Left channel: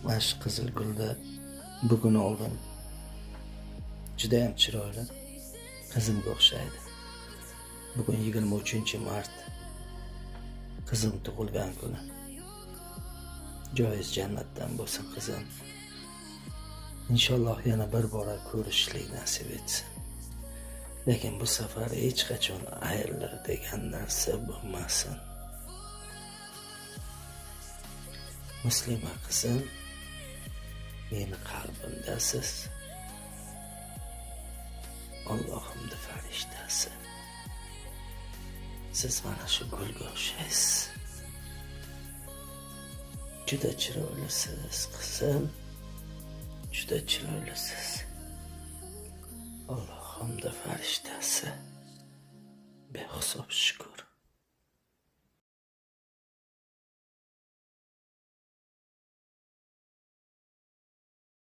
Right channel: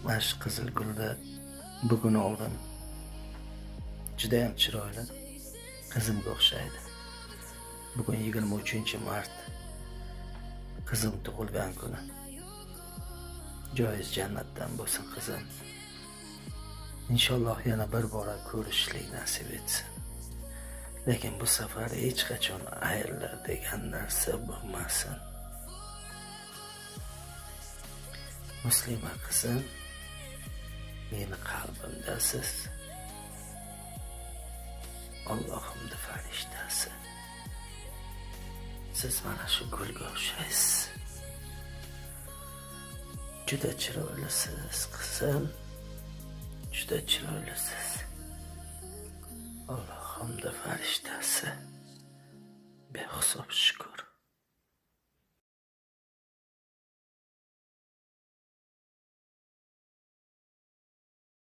Mana shu qizil gulni bugun oldim. Judayam chiroyli. Qizimga o'xshaydi. Bugun 23-mart. Qizim tug'ilgan kuni. Joyingiz jannatdan bo'lsin qizim. Inshaalloh yana bir bora ko'rishlik nasib etsin. Lekin bu safar hech qachon ayrilib degan narsa bo'lmasin. Muslima qizim, meni qalbimdasiz. Allohimning farishtasi. Siz mana shu gulga o'xshaysiz. Juda chiroylisiz qizim. Juda chiroylisiz. Allohimning farishtasi. Behisob shukr.